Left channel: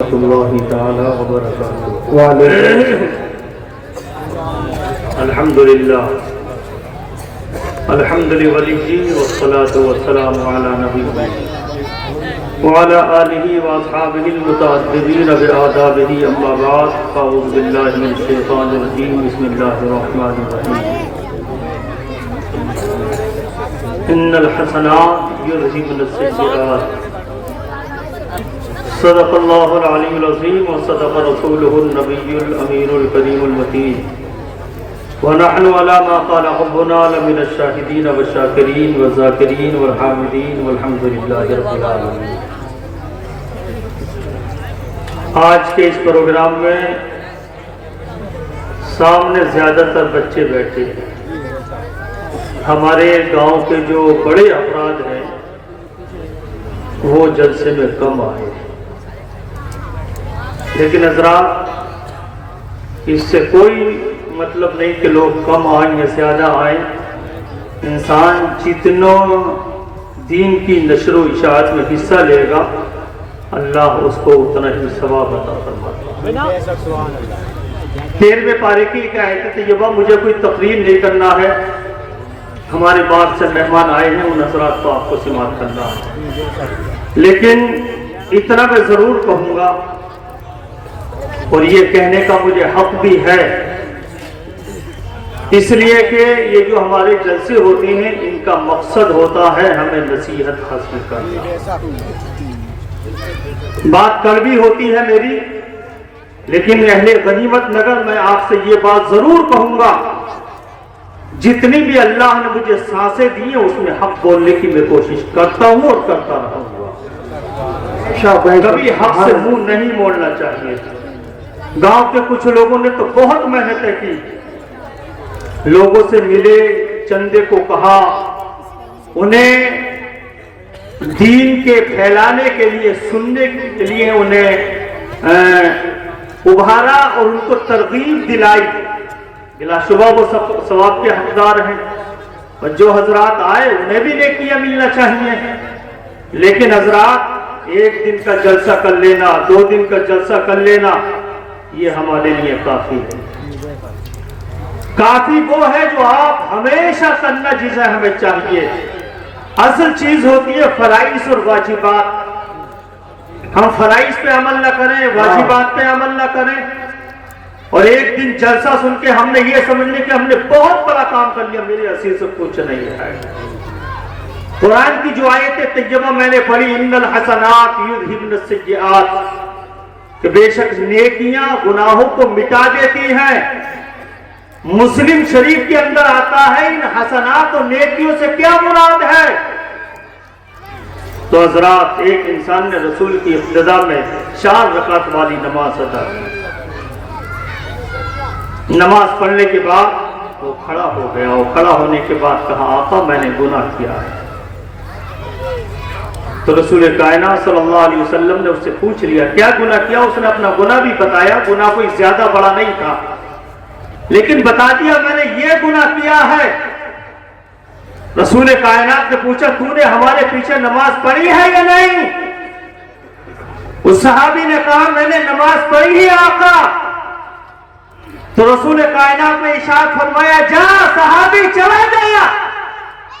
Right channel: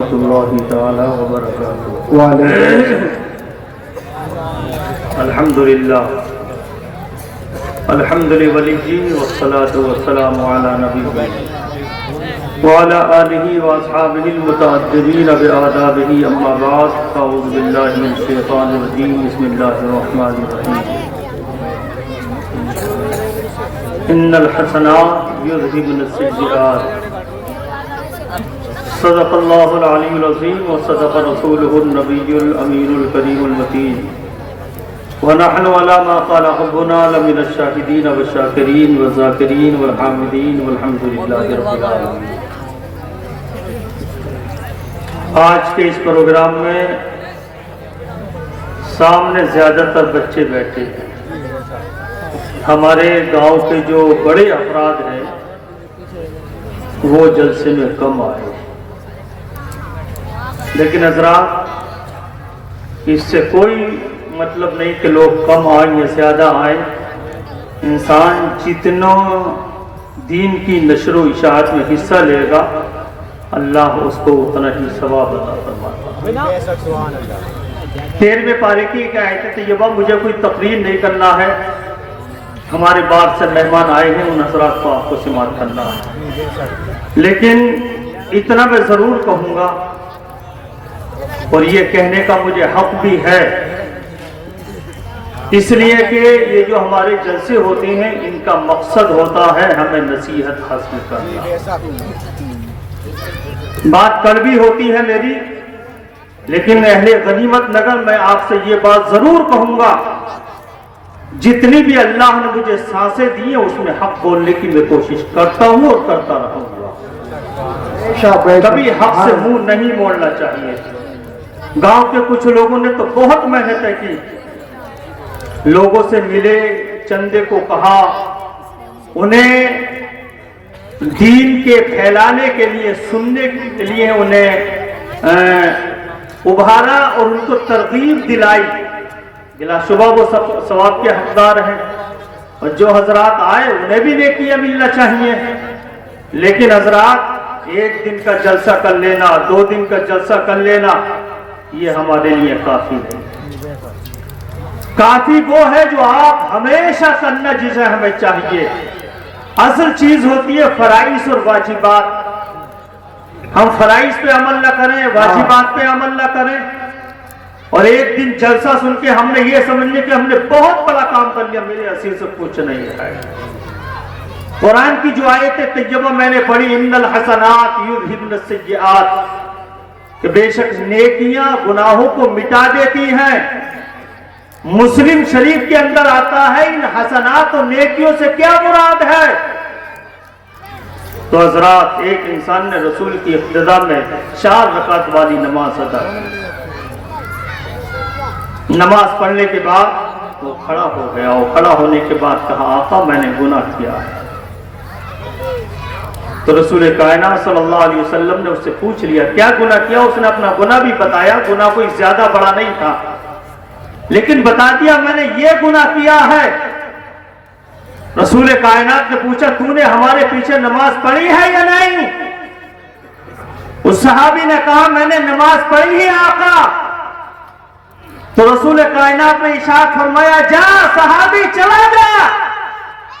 اللہ تعالی وبرکاتہ۔ الحمدللہ الحمد للہ والصلاة والسلام علی نبیہ وعلى آلہ واصحابہ المتعدبین بآدابہ اما بعد فاعوذ باللہ من الشیطان الرجیم بسم اللہ الرحمن الرحیم ان الحسنات یذہبن السیئات صدق اللہ العلی العظیم وصدق رسولہ النبی الامین الکریم المتین ونحن على ما قال ربنا لمن الشاہدین والشاکرین والذاکرین والحامدین والحمد للہ رب العالمین۔ آج کے اس پروگرام میں سامنے زیادہ تر بچے بیٹھے ہیں۔ ہمارے گاؤں کے جو بڑے افراد ہیں وہ جلسے میں کم آئے، لیکن حضرات اس سے کوئی مطلب نہیں کہ لوگ کم آئیں یا زیادہ آئیں۔ انسان جتنا دین کی نشر و اشاعت میں حصہ لے گا اللہ اس کو اتنا ہی ثواب عطا فرماتا ہے۔ 13ویں پارے کی ایک آیت طیبہ، مجھے کوئی تقریر نہیں کرنا ہے، ہمارے باہر سے مہمان آئے ہیں، ان حضرات کو آپ کو سماعت کرنا ہے، لیکن اتنا میں ضرور کہوں گا اور یہ کہنے کا مجھے حق بھی ہے، اس لیے کہ یہ جو ہمارے جلسے ہوتے ہیں ان کا مقصد ہوتا ہے ہمیں نصیحت حاصل کرنا۔ بات کڑوی ہوتی ہے میری، لیکن اہل غنیمت نگر میں آپ سے یہ بات ضرور کہوں گا، جتنی بھی اللہ نے مجھے سانسیں دی ہیں اس میں حق بولنے کی میں کوشش کرتا ہوں اور کرتا رہوں گا، کبھی حق سے منہ نہیں موڑنا چاہیے۔ گاؤں کے کچھ لوگوں نے تو بہت محنتیں کی، لوگوں سے ملے، چندے کو کہا، انہیں دین کے پھیلانے کے لیے، سننے کے لیے انہیں ابھارا اور ان کو ترغیب دلائی۔ بلا شبہ وہ ثواب کے حقدار ہیں، اور جو حضرات آئے انہیں بھی نیکیاں ملنا چاہیے، لیکن حضرات ایک دن کا جلسہ کر لینا، 2 دن کا جلسہ کر لینا یہ ہمارے لیے کافی ہے۔ کافی وہ ہے جو آپ ہمیشہ کرنا جسے ہمیں چاہیے۔ اصل چیز ہوتی ہے فرائض اور واجبات۔ ہم فرائض پہ عمل نہ کریں، واجبات پہ عمل نہ کریں، اور ایک دن جلسہ سن کے ہم نے یہ سمجھنے کہ ہم نے بہت بڑا کام کر لیا، میرے حصے سے کچھ نہیں ہے۔ قرآن کی جو آیت طیبہ میں نے پڑھی، ان الحسنات یذہبن السیئات، کہ بے شک نیکیاں گناہوں کو مٹا دیتی ہیں۔ مسلم شریف کے اندر آتا ہے ان حسنات و نیکیوں سے کیا مراد ہے؟ تو حضرات ایک انسان نے رسول کی اقتداء میں 4 رکعت والی نماز ادا کی۔ نماز پڑھنے کے بعد وہ کھڑا ہو گیا، وہ کھڑا ہونے کے بعد کہا آقا میں نے گناہ کیا ہے۔ تو رسول کائنات صلی اللہ علیہ وسلم نے اس سے پوچھ لیا کیا گناہ کیا؟ اس نے اپنا گناہ بھی بتایا، گناہ کوئی زیادہ بڑا نہیں تھا، لیکن بتا دیا میں نے یہ گناہ کیا ہے۔ رسول کائنات نے پوچھا تو نے ہمارے پیچھے نماز پڑھی ہے یا نہیں؟ اس صحابی نے کہا میں نے نماز پڑھی ہے آقا۔ تو رسول کائنات نے ارشاد فرمایا جا صحابی چلا جا،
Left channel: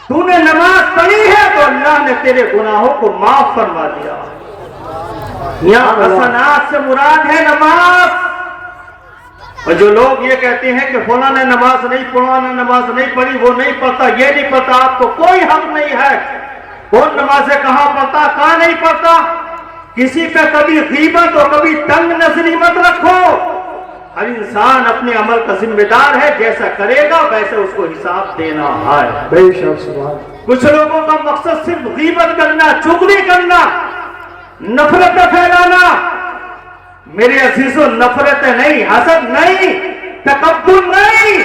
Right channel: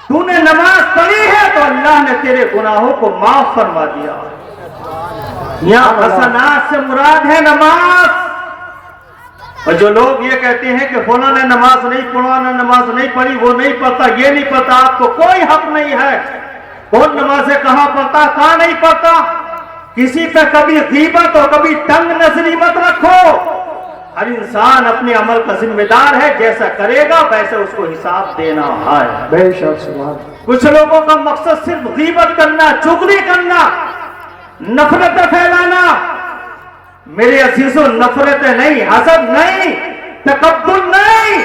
تو نے نماز پڑھی ہے تو اللہ نے تیرے گناہوں کو معاف فرما دیا۔ یا حسنات سے مراد ہے نماز۔ اور جو لوگ یہ کہتے ہیں کہ فلاں نے نماز نہیں پڑھا، نہ نماز نہیں پڑھی، وہ نہیں پڑھتا، یہ نہیں پڑھتا، آپ کو کوئی حق نہیں ہے۔ کون نمازیں کہاں پڑھتا، کہاں نہیں پڑھتا۔ کسی پہ کبھی غیبت اور کبھی تنگ نظری مت رکھو۔ ہر انسان اپنے عمل کا ذمہ دار ہے، جیسا کرے گا ویسے اس کو حساب دینا ہے۔ بے شک کچھ لوگوں کا مقصد صرف غیبت کرنا، چغلی کرنا، نفرت پھیلانا۔ میرے عزیزوں نفرت نہیں، حسد نہیں، تکبر نہیں۔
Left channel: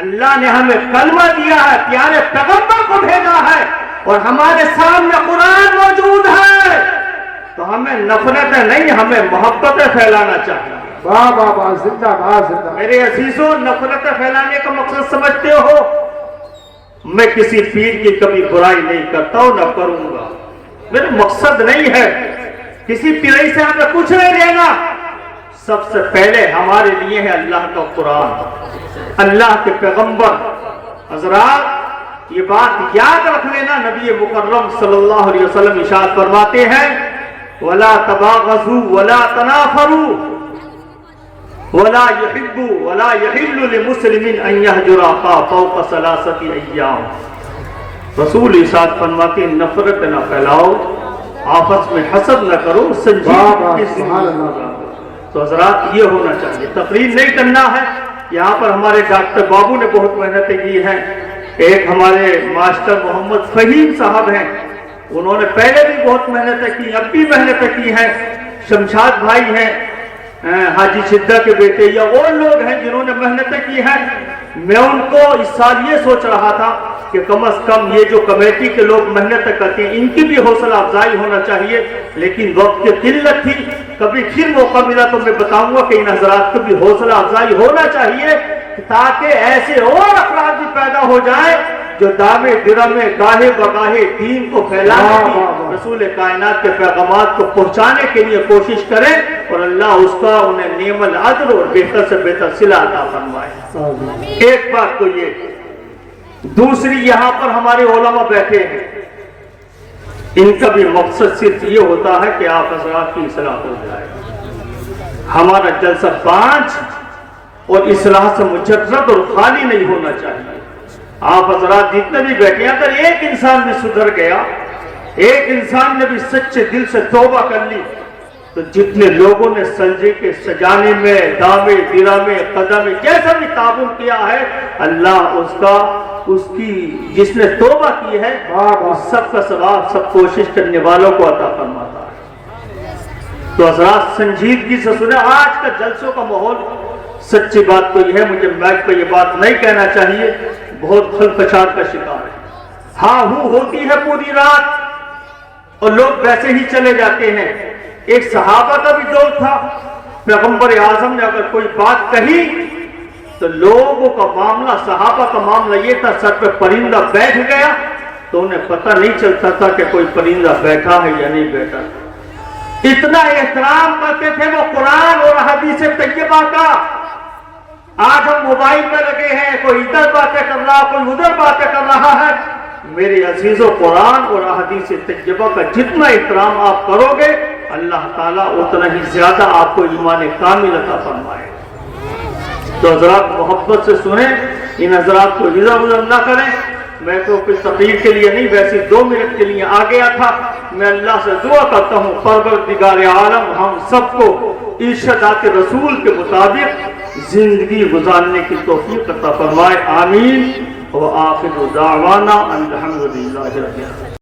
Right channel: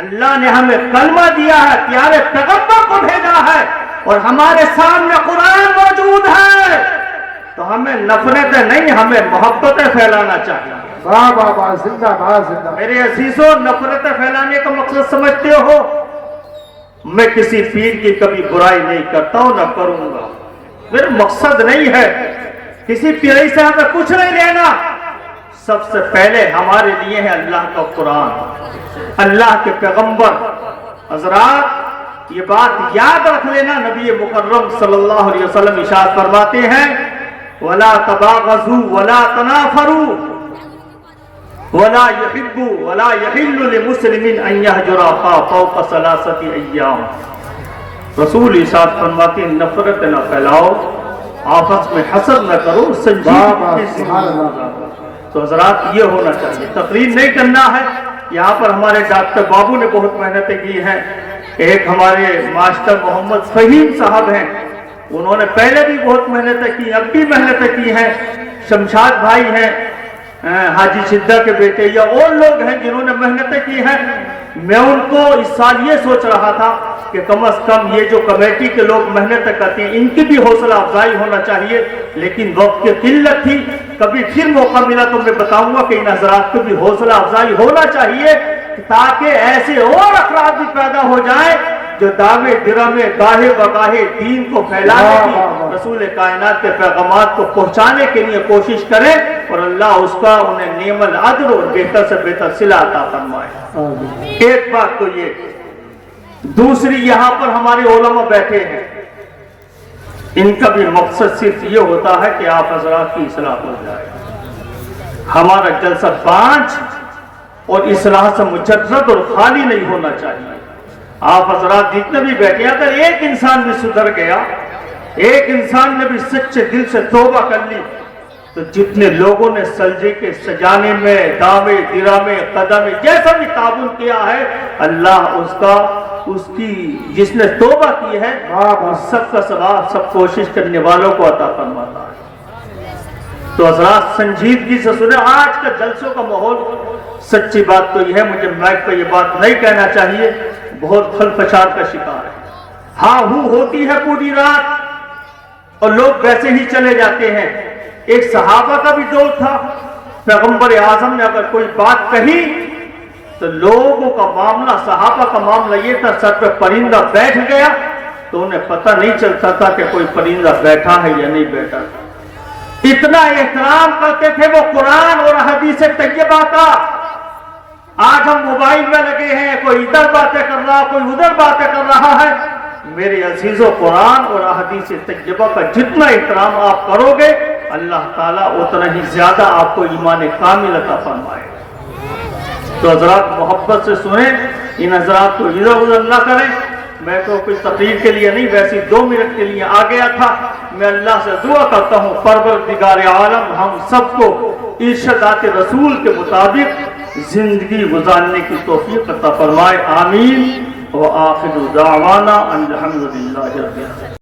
اللہ نے ہمیں کلمہ دیا ہے، پیارے پیغمبر کو بھیجا ہے، اور ہمارے سامنے قرآن موجود ہے، تو ہمیں نفرت نہیں، ہمیں محبت پھیلانا چاہیے۔ واہ واہ واہ، زندہ باد زندہ۔ میرے عزیزوں نفرت پھیلانے کا مقصد سمجھتے ہو؟ میں کسی پیر کی کبھی برائی نہیں کرتا ہوں، نہ کروں گا، میرا مقصد نہیں ہے۔ کسی پیڑھی سے ہمیں کچھ نہیں لینا، سب سے پہلے ہمارے لیے ہے اللہ کا قرآن، اللہ کے پیغمبر۔ حضرات یہ بات یاد رکھ لینا، نبی مکرم صلی اللہ علیہ وسلم ارشاد فرماتے ہیں وَلَا تَبَاغَضُوا وَلَا تَنَافَرُوا وَلَا يُحِبُّ وَلَا يَحِلُّ لِمُسْلِمٍ أَن يَهْجُرَ أَخَاهُ فَوْقَ ثَلَاثَةِ أَيَّامٍ۔ رسول ارشاد فرماتے ہیں نفرت نہ پھیلاؤ، آپس میں حسد نہ کرو، سنجیدگی سے۔ تو حضرات یہ ہونا چاہیے، تقریر نہیں کرنا ہے۔ یہاں پر ہمارے ڈاکٹر بابو نے بہت محنتیں کی ہیں، ایک ہمارے ماسٹر محمد فہیم صاحب ہیں، انہوں نے پہلے بھی بہت محنتیں کی، اب بھی محنتیں کی ہیں۔ شمشاد بھائی ہیں حاجی شدہ کے بیٹے، یا اور لوگ ہیں جنہوں نے محنتیں کی ہیں۔ میں ان کو اس سال یہ سوچ رہا تھا کہ کم از کم یہ جو کمیٹی کے لوگ محنتیں کرتے ہیں ان کی بھی حوصلہ افزائی ہونا چاہیے، لیکن وقت کی قلت تھی۔ کبھی پھر موقع ملا تو میں بتاؤں گا کہ ان حضرات کو بھی حوصلہ افزائی ہونا چاہیے، تاکہ ایسے اور افراد بھی پیدا ہو جائیں جو دعوے درمے گاہے بگاہے دین کو پھیلانے کی، رسول کائنات کے پیغامات کو پہنچانے کے لیے کوشش کریں، اور اللہ اس کا انہیں نعم العدل اور بہتر سے بہتر صلہ عطا فرمائے۔ ایک بات تو یہ، دوسری یہاں پر ہمارے علماء بیٹھے ہیں، ان کا بھی مقصد صرف یہ ہوتا ہے کہ آپ حضرات کی اصلاح ہو جائے۔ ہمارا جلسہ 5 اور اصلاح سے مجرد اور خالی نہیں ہونا چاہیے۔ آپ حضرات جتنے بھی بیٹھے، اگر ایک انسان بھی سدھر گیا، ایک انسان نے بھی سچے دل سے توبہ کر لی، تو جتنے لوگوں نے سجدے کے سجانے میں، دامے درامے قدمے جیسا بھی تعاون کیا ہے، اللہ اس کی جس نے توبہ کی ہے سب کا ثواب سب کوشش کرنے والوں کو عطا فرماتا ہے۔ تو حضرات سنجیدگی سے سنیں، آج کا جلسوں کا ماحول، سچی بات تو یہ ہے، مجھے مائک پہ یہ بات نہیں کہنا چاہیے، بہت کھل پچار کا شکار ہے۔ ہاں ہوتی ہے پوری رات اور لوگ ویسے ہی چلے جاتے ہیں۔ ایک صحابہ کا بھی دور تھا، پیغمبر اعظم نے اگر کوئی بات کہی تو لوگوں کا معاملہ، صحابہ کا معاملہ یہ تھا، سر پہ پرندہ بیٹھ گیا تو انہیں پتہ نہیں چلتا تھا کہ کوئی پرندہ بیٹھا ہے یا نہیں بیٹھا۔ اتنا احترام کرتے تھے وہ قرآن اور حدیث طیبہ کا۔ آج ہم موبائل میں لگے ہیں، کوئی ادھر باتیں کر رہا، کوئی ادھر باتیں کر رہا ہے۔ میرے عزیزو، قرآن اور حدیث طیبہ کا جتنا احترام آپ کرو گے، اللہ تعالیٰ اتنا ہی زیادہ آپ کو ایمان کامل عطا فرمائے۔ تو حضرات محبت سے سنیں، ان حضرات کو ادھر نہ کریں۔ میں کو کوئی تقریر کے لیے نہیں، ویسے 2 منٹ کے لیے آ گیا تھا۔ میں اللہ سے دعا کرتا ہوں پروردگار عالم ہم سب کو ارشادات رسول کے مطابق زندگی گزارنے کی توفیق عطا فرمائے، آمین۔ وآخر دعوانا الحمدللہ رب العالمین۔